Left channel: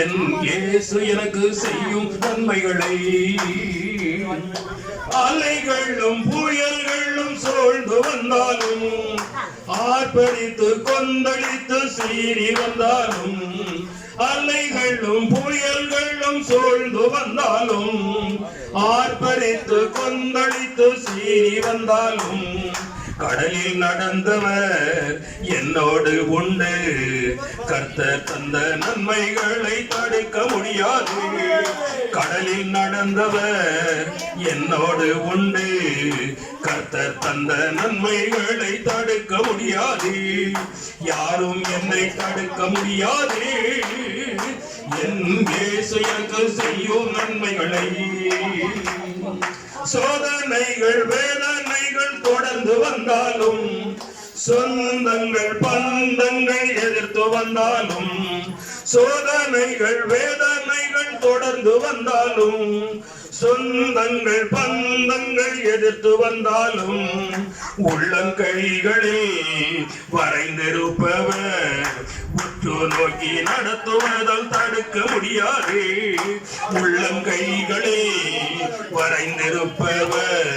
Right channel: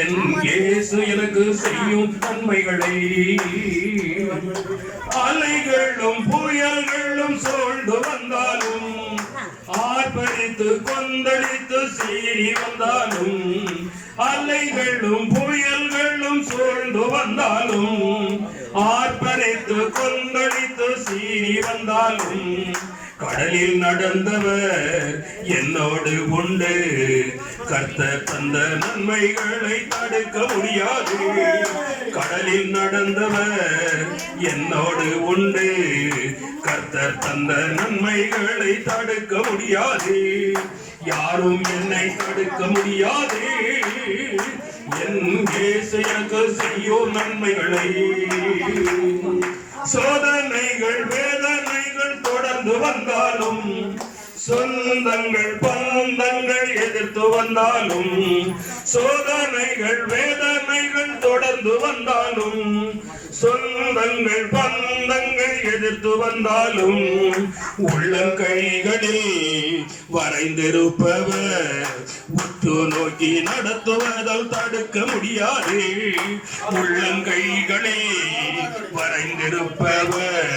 என் இயேசு எனக்கு செய்யும் நன்மைகளை அலைகளும் புயல்களும் சூழ்ந்து வந்தாலும் ஆர்ப்பரித்து கொந்தளித்து சீறி வந்தாலும் அலைகளும் புயல்களும் சூழ்ந்து வந்தாலும் ஆர்ப்பரித்து கொந்தளித்து சீறி வந்தாலும் கடலில் நடந்தவர் என்னோடு உண்டு. கர்த்தர் தந்த நன்மைகளை தடுக்க முடியாது. கடலில் நடந்தவர் என்னோடு உண்டு. கர்த்தர் தந்த நன்மைகளை தடுக்க முடியாது. யாரும் என்னை தடுக்க முடியாது. என் இயேசு எனக்கு செய்யும் நன்மைகளை சோதனைகள் வேதனைகள் தொடர்ந்து வந்தாலும் சொந்தங்கள் பந்தங்கள் எதிர்த்து வந்தாலும் சோதனைகள் வேதனைகள் தொடர்ந்து வந்தாலும் சொந்தங்கள் பந்தங்கள் எதிர்த்து வந்தாலும் உள்ளங்கைகளில் வரைந்திருப்பவர் உற்று நோக்கி நடத்துவதால் தடுக்க முடியாது. உள்ளங்கைகளில் வரைந்திருப்பவர்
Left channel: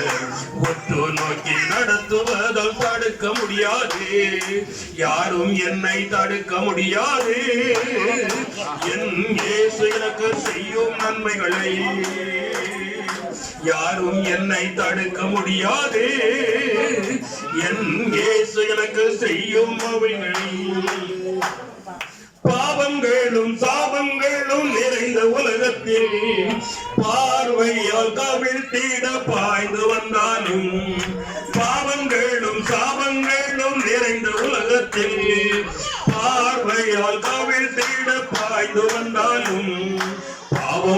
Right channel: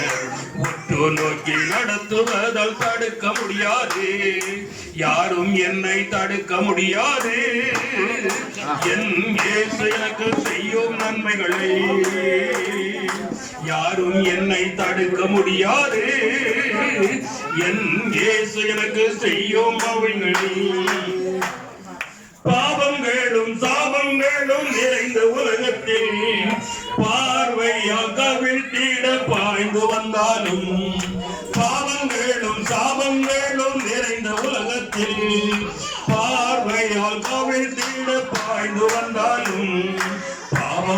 உற்று நோக்கி நடத்துவதால் தடுக்க முடியாது. யாரும் என்னை தடுக்க முடியாது. என் இயேசு எனக்கு செய்யும் நன்மைகளை யாரும் என்னை தடுக்க முடியாது. என் இயேசு எனக்கு செய்யும் அவைகளை பாவங்களும் சாபங்களும் நிறைந்த உலகத்தில் பார்வையால் கவிழ்த்திட பாய்ந்து வந்தாலும் பாவங்களும் சாபங்களும் நிறைந்த உலகத்தில் பார்வையால் கவிழ்த்திட பாய்ந்து வந்தாலும்